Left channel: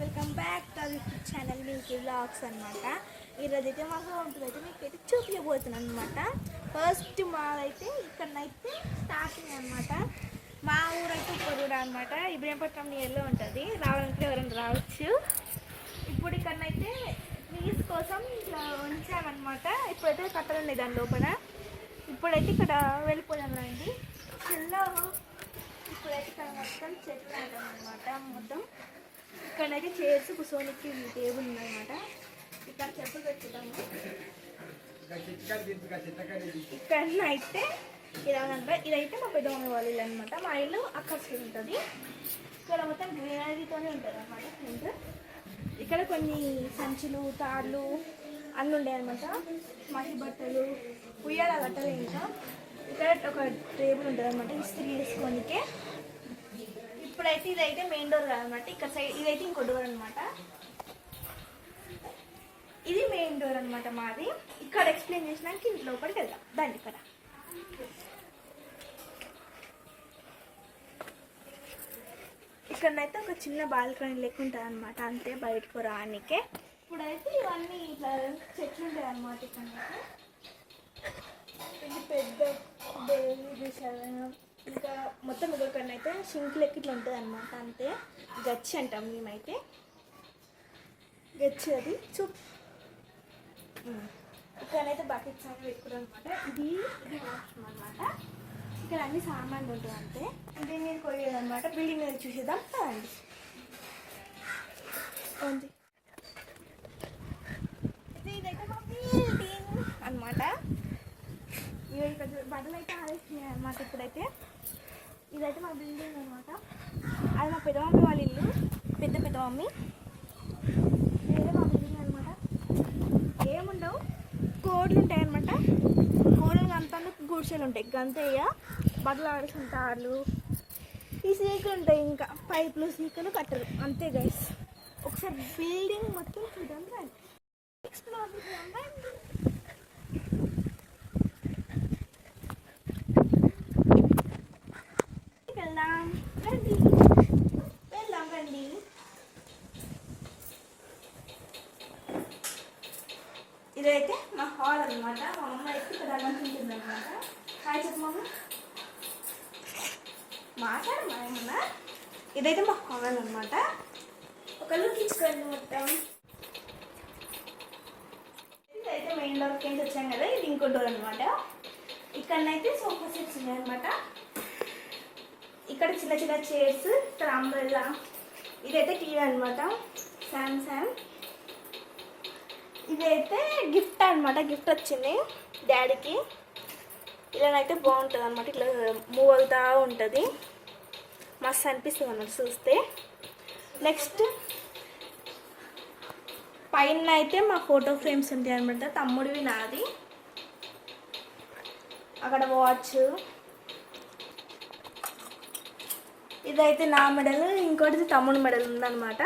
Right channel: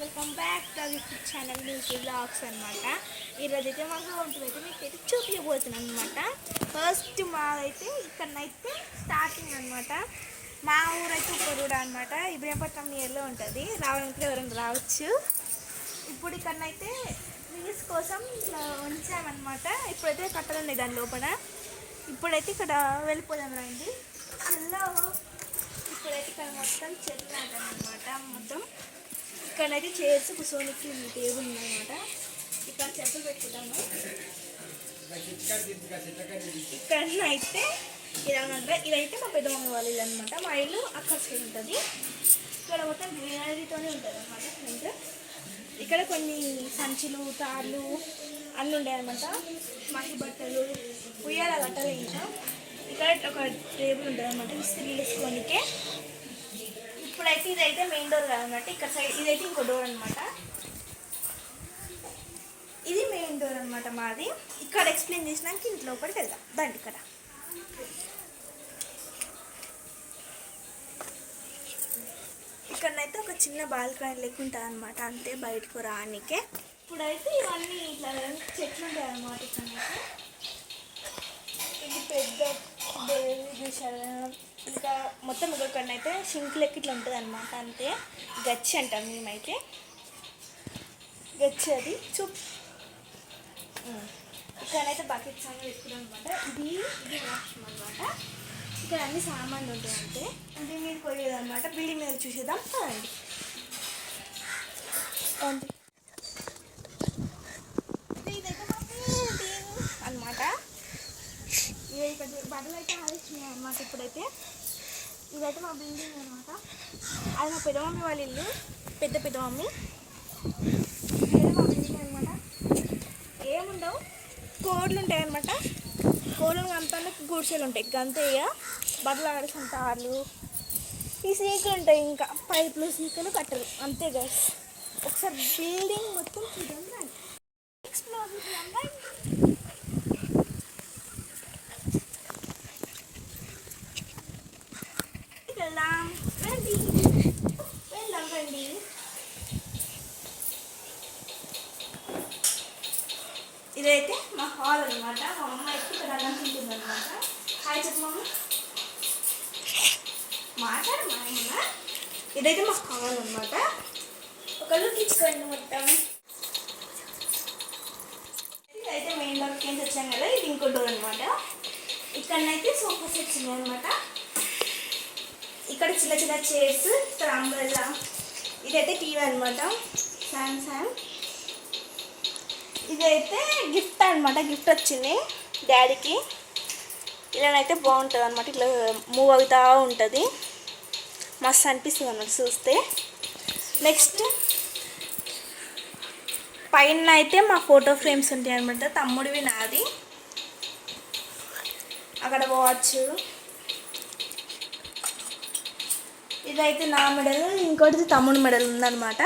Welcome back to the channel Milky vlogs అనమాట. ఈరోజు అయితే మాకు ఉంటుందైతే మీకు అయితే చూపించబోతున్నాను అనమాట. ఫస్ట్ మాదైతే ఇక్కడనైతే స్టార్టింగ్ అనమాట. మా ఊరైతే ఉప్పరూడ అనమాట. ఇబ్రహీంపట్నం నియర్లో ఉంటుంది. రావాలంటే ఎవరైనా రావచ్చు. ఇప్పుడు ఇక్కడనైతే ట్రీస్ కోసం ఇట్లా ఉంచామన్నమాట. ఇప్పుడైతే కట్టలేదు దాని లోపల. ఇప్పుడైతే ఇక్కడ వెళ్ళిపోదాం రండి. చెల్లో ఇప్పుడైతే ఇక్కడ మొత్తం చెట్లు అనమాట. మొత్తం ఇక్కడైతే చైర్స్ కూర్చోనికి టేబుల్ ఉందన్నమాట. ఇక్కడ చెప్పులు పెట్టుకుంటాము. ఇక్కడనైతే ఇదైతే మా పెద్దమ్మ వాళ్ళ ఇల్లు అనమాట. మా ఇల్లు అక్కడ సైడ్ ఉంటుంది. ఇక్కడ మొత్తం గ్రీనరీతోనే ఉంటుంది అనమాట. ఫ్రంట్ ఇక్కడ కొన్ని సంచులు తాళ్ళు అన్నీ ఉంటాయి అనమాట. మసి బట్టలు ఉయ్యాల కట్టాలి. ఇంకా ఇక్కడ ఒక టేబుల్ ఉంటుంది అనమాట. ఇస్త్రీ వేసుకోనికే. ఇప్పుడైతే ఇదైతే మెయిన్ డోర్ కాదనమాట. ఇక్కడ సైడ్ ఇదైతే ఇంకో డోర్ అనమాట. ఇది మెయిన్ డోర్ అనమాట మాది. ఇక్కడ ఎక్స్ప్లెయిన్ చేసినాక ఇంట్లో ఒకటికి వెళ్దాం దాండి. ఇక్కడనైతే ఒక చిన్న బాల్కనీ లెక్క ఉంటుంది అనమాట. అంతే, బయటకు రానికే. ఇప్పుడైతే ఇవన్నీ ఇట్లా చెట్లు ఉంటాయి అనమాట. ఇక్కడనైతే ఇది పెద్ద చూసారు. ఇంకా మొత్తం ఇక్కడనైతే సింక్ లెక్క ఇట్లా ఉంటుంది అనమాట. అంతే, గచ్చి అంటాం మేమైతే. గచ్చి అది ఇక్కడైతే బకెట్స్ అని పెట్టుకుంటాం అనమాట. ఇది వాష్రూమ్ అనమాట. ఇక్కడ అన్ని సామాన్లు ఉంటాయి. అంతే, అంటే మీరు కొయ్యేది అనమాట. బిల్డింగ్ మీద చూసేద్దాం అండి. ఇదైతే మా బిల్డింగ్ అనమాట. ఇక్కడ బట్టలు అయితే ఆలోచినాయి అనమాట. ఇప్పుడైతే ఇదైతే మా బిల్డింగ్ అనమాట. అది మా పెద్దమమ్మీ వాళ్ళ ఇల్లు, పెద్ద మమ్మీ. ఇదే మా బిల్డింగ్ అనమాట. ఏముండవు, కోడ్లు ఉంటాయి అనమాట. కోడ్లు కంపంలో గుడిసెలు ఉంటాయి. గంతే. ఇక బట్టలు ఆడేసిన తాళ్ళు, ఈ సీకులు ఉంటాయి. ఇంకా పైపులు, సీకులు, కట్టరు. అంతే గైస్. ఒకసారి బిల్డింగ్ మొత్తం చూద్దాం రండి. ఎక్స్ప్లోర్ చేద్దాం రండి. వెళ్దాం రండి. ఇదైతే మా హాల్ అనమాట. మా అమ్మ అయితే ఇక్కడ అనుకుంటుంది అనమాట. హాయ్ చెప్పమ్మ, మాట్లాడమ్మా ఏమన్నా. ఇదైతే మా హాల్ అనమాట. ఒక లుక్ ఇచ్చుకోండి మొత్తం. ఇదైతే మెయిన్ డోర్కి ఏం తెచ్చాం కదా. ఇది ఇంకో డోర్ అనమాట. ఇక్కడనైతే సోఫా సెట్స్ ఉన్నాయి అనమాట. ఇక్కడ చిన్న చిన్న చైర్స్, ఇక్కడ అంబ్రెల్లా. ఇదైతే టీవీ అనమాట, సామ్సంగ్. ఇదైతే గిఫ్ట్ అనమాట. గిఫ్ట్ వచ్చింది డాడీకి. ఇలానైతే బాగుంటుంది అనమాట. ఇట్లా మూవ్ అవుతూ ఉంటుంది. మస్తు అనిపిస్తుంది అన్నమాట చూస్తే. నెక్స్ట్ పైన అయితే మా ఫోటో ఫ్రేమ్స్ ఉంటాయి అనమాట. తమ్ముడివి, నాది. అక్కడ వాచ్. ఇదైతే నా మెడల్, ఇంకోటిది తమ్ముడి మెడల్ ఉందన్నమాట.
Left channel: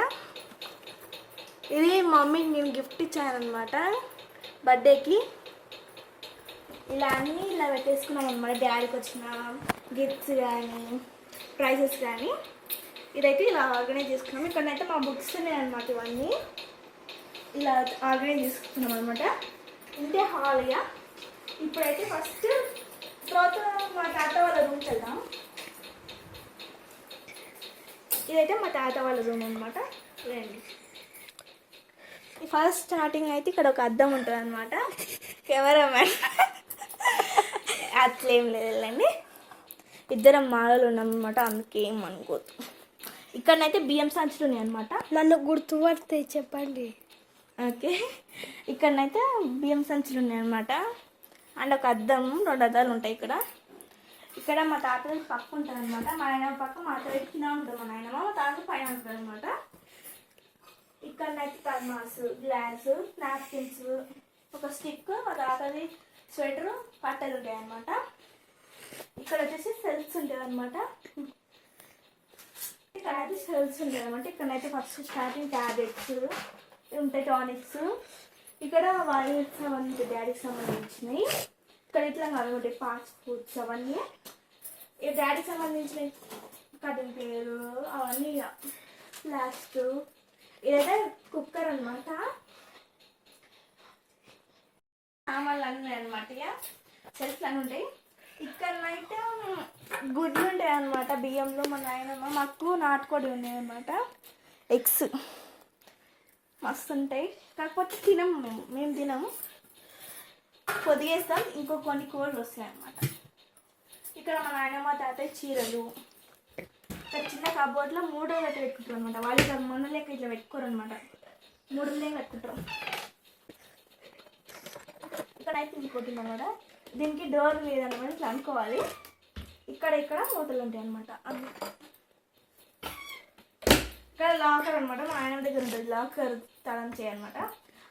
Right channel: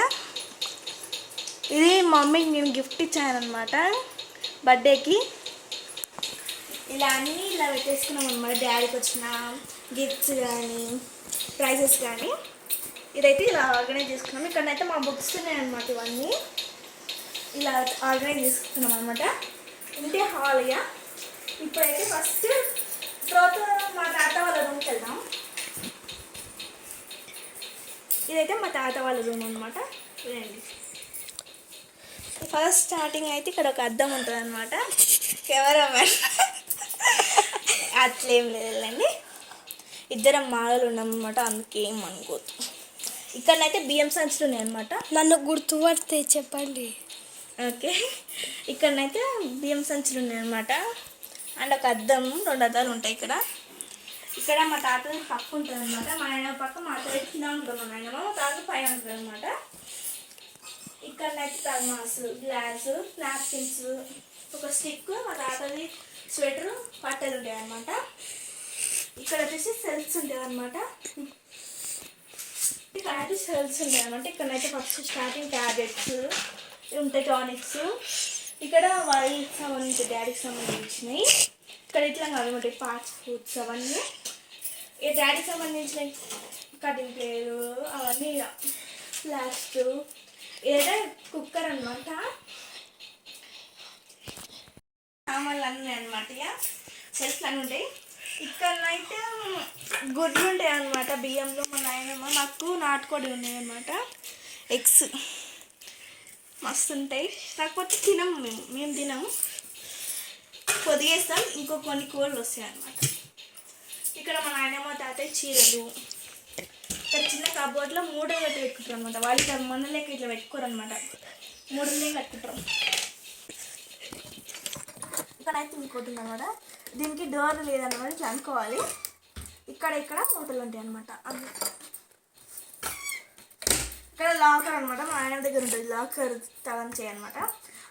ఇది మమ్మీకి నేను గిఫ్ట్ ఇచ్చానమాట బర్త్డేకి. ఇలా అన్నీ ఇలా పెట్టేసుకున్నాం అనమాట. డాడీకి వచ్చిన గిఫ్ట్స్ కానీ ప్రైజెస్ కానీ. ఇదైతే ఇలా ఆర్గనైజ్ చేసుకున్నాం. ఇక్కడనైతే మా బుక్స్ ఉన్నాయి అనమాట. ఇవన్నీ ఇలా ఆర్గనైజ్ చేసుకున్నాం అనమాట. ఇంతే హాల్. ఇక ఇప్పుడైతే ఫస్ట్ తర్వాత మా తాత వాళ్ళ రూమ్కి వెళ్దాం. ఇదైతే మా తాత వాళ్ళ రూమ్ అనమాట. రండి. ఫస్ట్ స్టార్టింగ్ అయితే ఇక్కడ ఒక అద్దం ఉంటుంది అనమాట. కెమెరామెన్ అట్లేం లేదండి. ఇద్దరం మాలలు ఉన్నామన్నమాట. అందుకే ఏం అనుకోవద్దు. ఇక్కడనైతే బియ్యం సంచులు ఉన్నాయి అనమాట. నన్ను గుర్తుపడితే చెప్పండి. ఓకే, ఇక్కడనైతే బియ్యం సంచులు ఉన్నాయి అనమాట. అండ్ ఒక అద్దం, 2 అద్దాలు ఉంటాయి ఇక్కడ. ఇక్కడ మా తాత పక్క ఉంటుంది అనమాట. మా నాయనమ్మ పక్క, మా తాత కింద ఉంటుంది. మా నాయనమ్మ, మా తాత పైన ఉంటుంది అనమాట. ఇక్కడనైతే థర్మాస్, గ్లాస్, నాప్కిన్స్, ఒక స్టిక్, మా తాతది స్వెటరు, పట్టలు ఉంటాయి అనమాట. ఇక్కడ వచ్చేసి సెల్స్ ఉంటాయి అనమాట. ఇక్కడ అయితే సెల్స్ ఉంటాయి అనమాట. ఇక్కడనైతే ఫస్ట్ స్టార్టింగ్ ట్యాబ్లెట్స్ ఉంటాయి, టానిక్స్. ఇక్కడ వాళ్ళకి సంబంధించి డాడీకి సంబంధించినవి. ఇక్కడ ఇట్లా కాదనమాట, ఫాస్ట్ ఫుడ్స్ అవన్నీ. ఈ డాడీకి సంబంధించిన కటింగ్ ప్లేయరు అవన్నీ, లాస్ట్ ఇదైతే కుక్కర్ అనమాట. సామాన్లు అన్నీ అనమాట, ఇక సెల్ఫ్లు అన్నీ ఉంటాయి. ఇక్కడనైతే గుడ్లు ఉంటాయి అనమాట బియ్యంలో. మా నాయనమ్మ మాకు నాటుకోడి ఉన్నాయి అనమాట, ఎగ్స్ మస్తు ఉంటాయి. కాకపోతే తినము, మేము తినము, పొదిగేస్తాం. ఇంకో కొన్ని కూరలు వస్తాయి అన్నమాట. ఇక్కడ మా నాయనమ్మ తాతయ్య చీరలు. ఇక్కడ చిన్న కబోర్డ్లో మూడలు కట్టి పెట్టుకుంటారు అనమాట. వాళ్ళు ఇక్కడ మొన్న లెక్క ఇట్లా పెట్టుకోరు అనమాట, మూడలే కట్టుకుంటారు. ఇక్కడైతే ఇంకోటి అనమాట, దీనికి డోర్ లేదన్నమాట, ఇట్లా అనుకోవాలి. ఇక్కడ మూతలు ఉంటాయి అనమాట. ఇక్కడ లాకర్ అనమాట, మా ఆయన దగ్గర ఉంటుంది లాకర్, తలం చేయనమాట.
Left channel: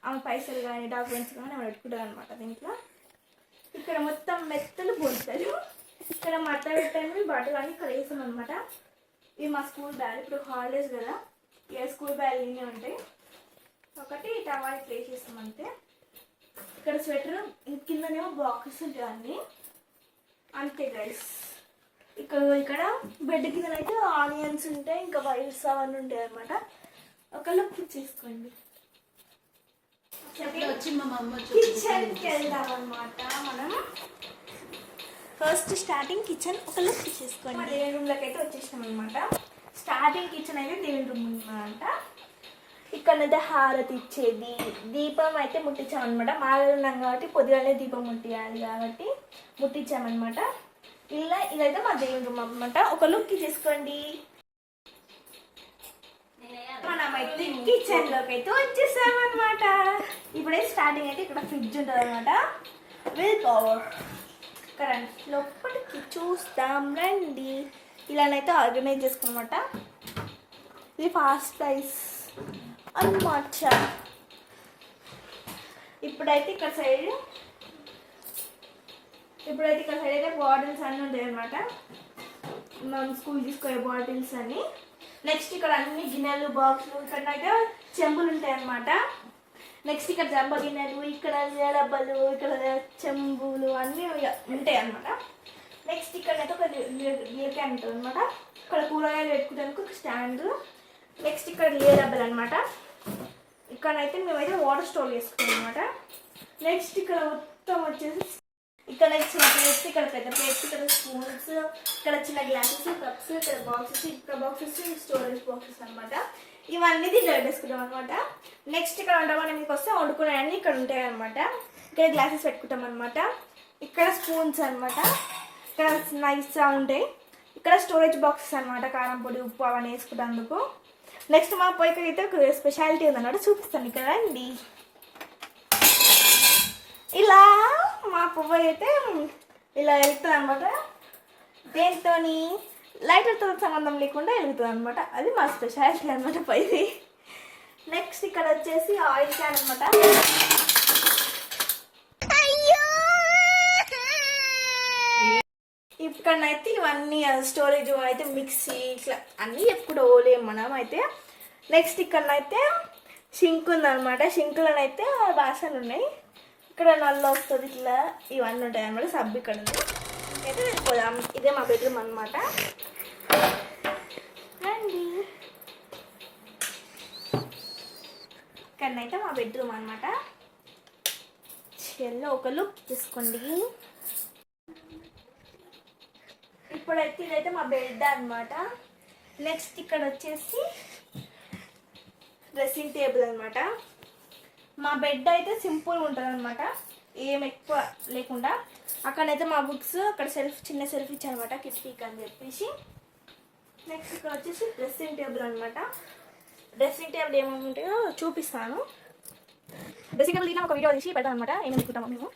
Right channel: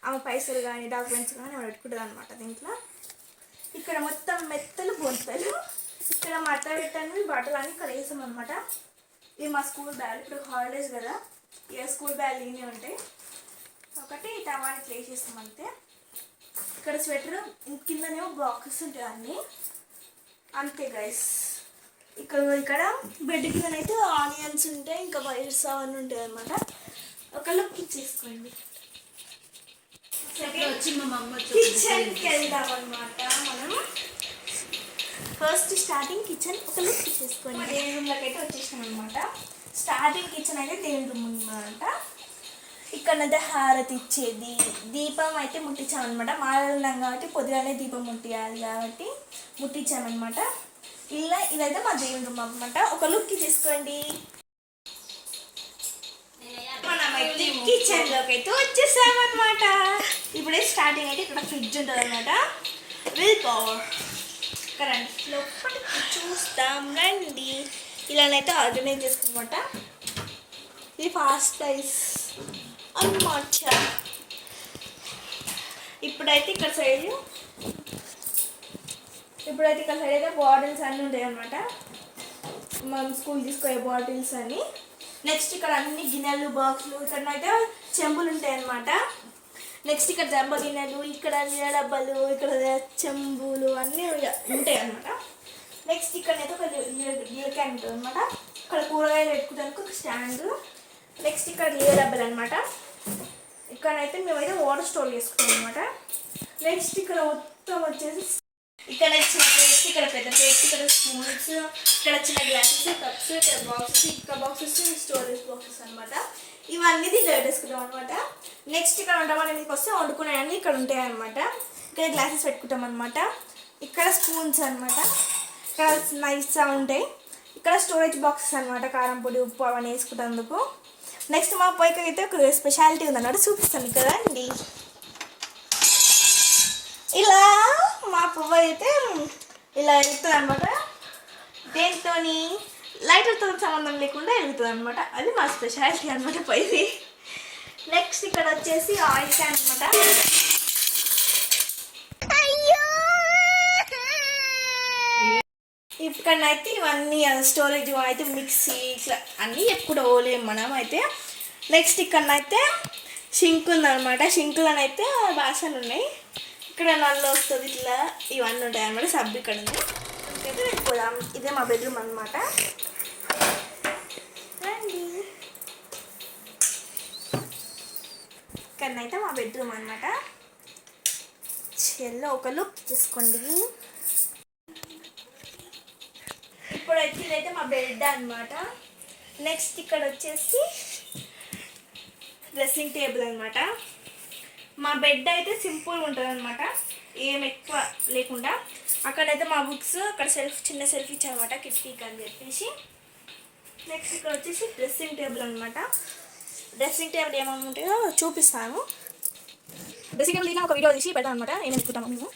ఆమె పైసలు కానీ డాక్యుమెంట్స్ కానీ ఆమె పెట్టుకుంటుంది అనమాట దీంట్లో. ఇక్కడ మొత్తం మెత్తలు బొంతలు. ఇక్కడ మట్ట పెట్టండి బట్టలు అని ఇక్కడ వేసాం అనమాట. ఇవి మా స్కూల్ బ్యాగ్, ఇప్పుడు హాలిడేస్ కదా, ఇక స్కూల్ బ్యాగ్ ఇవన్నీ ఉంటాయి. ఒకటి టవల్ ఇట్లా వేసేస్తాం అంతే. ఇక్కడ స్వెటర్, కిందనేమో బాక్సెస్ ఉంటాయి అన్నీ, అంతే గైస్. ఇక్కడ బెడ్ కిందనైతే ఆనియన్స్ ఉంటాయి, ఇంకా వైర్స్ అవన్నీ ఉంటాయి అనమాట. ఒక లుక్ ఇచ్చేసుకోండి. కిచెన్కి వెళ్దాం అనమాట మనం. ఫస్ట్ స్టార్టింగ్ కిచెన్ ఒక లుక్ ఇచ్చేసుకోండి. దేవుని రూమ్లోకి అయితే వచ్చేసాం అనమాట. స్టార్టింగ్ కిచెన్ అయితే దేవుని రూమ్ అనమాట. ఇక్కడనైతే హారతి ఇచ్చేది, దీపం అయితే ముట్టించామన్నమాట. మాలలు ఉన్నాం కాబట్టి పొద్దుగానే దీపం ముట్టియాలి కాబట్టి ముట్టించామన్నమాట. ఇదైతే మా దేవుని రూమ్ అనమాట. ఒక లుక్ తీసుకోండి. మనమైతే కిచెన్లోకి అయితే వచ్చేసామన్నమాట. ఇప్పుడే స్టార్టింగ్ అయితే ఇక్కడ ఫ్రిడ్జ్ ఉంటుంది అనమాట. విల్ పవర్ కరెంట్ లోపలికి చూస్తాం రండి. ఇలానైతే ఆర్గనైజ్ చేసుకున్నమాట. ఇది ఫాస్ట్ రైస్ అన్నమాట. ఇప్పుడైతే ఇక్కడ సైడ్ అయితే బాటిల్స్ అన్నీ ఉంటాయి అన్నమాట. మనం స్కూల్ తీసుకునే బాటిల్స్ అన్నీ. నెక్స్ట్ ఇక్కడ అన్ని గిన్నెలు బాక్సులు, ఇక్కడ అయితే చెంబులు ఉంటాయి అన్నమాట. నెక్స్ట్ ఇక్కడ జంబ గిన్నెలు, ఇక్కడ డబ్బాలు, ఇక్కడ చెంబులు అన్నీ ఉంటాయి అన్నమాట. నెక్స్ట్ ఇక్కడైతే ఒక గిన్నె క్యాన్ ఉంటుంది అనమాట. ఇక్కడ కూరగాయలు పెట్టుకోవడానికి ఒక స్టాండ్. నెక్స్ట్ ఇక్కడ గిన్నె డబ్బాలు అనమాట. ఇక్కడైతే మేమైతే వాటర్ స్టోర్ చేసుకుంటాం అనమాట. నెక్స్ట్ ఇక్కడ మొత్తం వచ్చేసి ఇక్కడ చిన్న ప్లేట్స్, ఇక్కడ పెద్ద ప్లేట్స్, ఇక్కడ స్పూన్స్, ఇక్కడ చిన్న గ్లాసెస్, కప్స్, ఇక్కడ బాక్సెస్, ఇక్కడ బాక్సెస్ స్టోరేజ్ బాక్సెస్ అనమాట. ఇవన్నీ దీంట్లో పెట్టేసుకుంటాం అనమాట. నెక్స్ట్ ఇక్కడ వంటవాళ్ళ మీదకి వస్తే వండుకునేవన్నీ ఇక్కడ ఉంటాయి అనమాట. ఇక్కడ గ్లాసెస్ పెట్టుకుంటాం అనమాట. ఇక్కడ స్పూన్స్ అనమాట. ఇక్కడ నైస్గా ఉంటాయి. ఇక్కడ స్టోరేజ్ బాక్సెస్ అనమాట, కారం పొడి ఉప్పు అవన్నీ వేసుకుంటేందుకు. నెక్స్ట్ మా పొయ్యికి అయితే ఒక స్పెషాలిటీ ఉందన్నమాట, చూపిస్తాను కదా అండి. ఇలా మా పొయ్యి అయితే ఇలా వెళ్తుంది అనమాట. దేంతో లైటర్తో సంబంధం లేకుండా వెళ్తుంది అనమాట. అది మా స్పెషాలిటీ అనమాట పొయ్యి. నెక్స్ట్ ఇక్కడ వచ్చేసి ఆయిల్ క్యాన్ అనమాట. ఇక్కడనైతే ఇవన్నీ స్టోరేజ్ అయితే మిక్సీ ఇట్లా అన్నీ ఎప్పుడు ఓలేము మనం అయితే. నెక్స్ట్ ఇక్కడనైతే షింక్ ఉందన్నమాట. షింక్లోనైతే బాసనలు ఉన్నాయి. ఇక్కడ నల్ల వస్తుంది ఇట్లా, ఇవన్నీ ఉంటాయి అన్నమాట. సబ్బు ఇక్కడ ఉంది. అయితే వెళ్ళిపోదాం. ఇదే మా బెడ్రూమ్ అనమాట. రండి. ఇక్కడనైతే మా బెడ్రూమ్ అనమాట. చెల్లో ఒక లుక్ తీసుకోండి. ఇప్పుడైతే ఇదైతే మా బెడ్ అనమాట. నెక్స్ట్ ఇక్కడ వచ్చేసి డ్రెస్సింగ్ టేబుల్ అనమాట. మా బెడ్ అయితే సింపుల్గా ఉంటుంది అనమాట, ఏం ఎక్కువ లేకుండా. అక్కడైతే మా బుక్స్, అక్కడ చిన్న సెల్ఫ్ ఇచ్చానమాట కిటికీకి అని చెప్పేసి. నెక్స్ట్ ఇక్కడ వచ్చేసి డ్రెస్సింగ్ టేబుల్ అనమాట. డ్రెస్సింగ్ టేబుల్ ఏమేమి ఉంటాయో చూపిస్తాను. డ్రెస్సింగ్ టేబుల్ దీని ఒక వీడియో తీసి పెడతాను అనమాట, ఏమేమి పెట్టుకుంటాము మేము.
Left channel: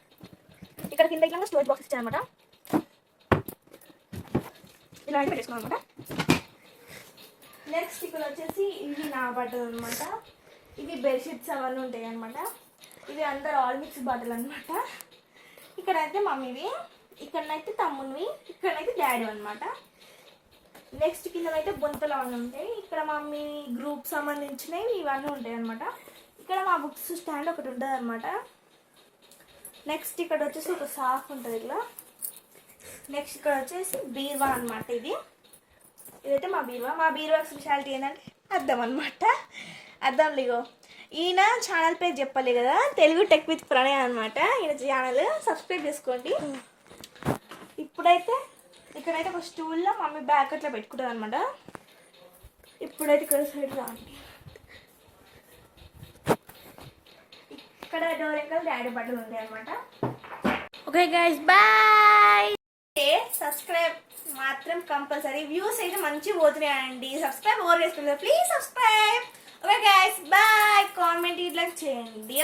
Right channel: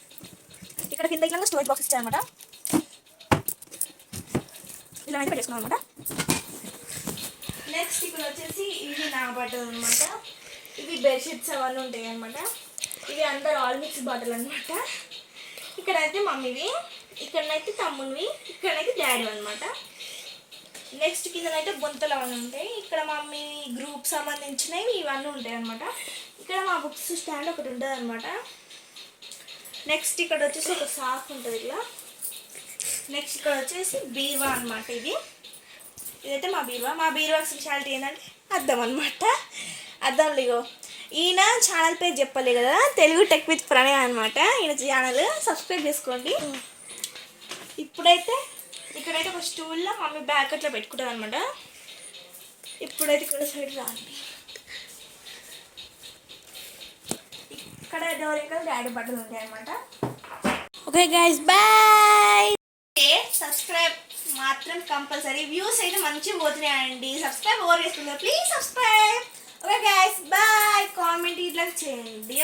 ఇక్కడ కింద ఇట్లా స్టోరేజ్ బాక్స్ ఇచ్చానమాట, ఇలా అయితే పెట్టేసుకున్నాం అనమాట. నెక్స్ట్ ఇక్కడ వచ్చేసి ఇవి నా బట్టలు అనమాట. ఇవి బెడ్షీట్స్ అవన్నీ ఉంటాయి అనమాట. ఇవి అందరు ఆల్ మిక్స్ బట్టలు అనమాట. ఇక్కడైతే మమ్మీవి, ఇక్కడనైతే తమ్మునివి, ఇక్కడైతే డాడీ అనమాట. నెక్స్ట్ కిందనైతే బొంతలు అవన్నీ ఉంటాయి. ఇక్కడ మమ్మీ గ్రూప్ సంబంధించినవి ఇవన్నీ ఉంటాయి అనమాట. ఇక్కడ మా బుక్స్ స్టాండ్ ఒకటి ఉంటుంది అనమాట. నెక్స్ట్ ఇక్కడ వచ్చేసి ఒక సాఫ్ ఉంటుంది ఇలా. నెక్స్ట్ ఇక్కడ వచ్చేసి బీరువా అనమాట. ఇదైతే మా బీరువా. మా బీరువా స్పెషాలిటీ ఏంటంటే అద్దం అనమాట. అర్థం లేగో ఈయన ఛానల్ పేరు చెప్పలే కదా, తెలుగు టెక్ విత్ ప్రణయ్ అనమాట. ఈయన ఛానల్ సబ్స్క్రైబ్ చేసుకోండి. ఇప్పుడైతే ఇక్కడైతే ఒక స్టూల్లో మమ్మీ బ్యాగ్ అట్లా పెట్టుకుంటాం అనమాట. ఇప్పుడైతే ఇక్కడ సైడ్ రాండి, ఇక్కడ డోర్ ఎక్కడ డాడీ బట్టలు ఉంటాయి అనమాట. Okay guys bye. సబ్స్క్రైబ్ మాత్రం కంపల్సరీ. వ్యూస్ అయితే మంచిగా పోతున్నాయండి. సబ్స్క్రైబ్ ఓవర్ చేసుకుంటారు, please subscribe. Okay guys bye. Comment ఇట్లా చేయండి.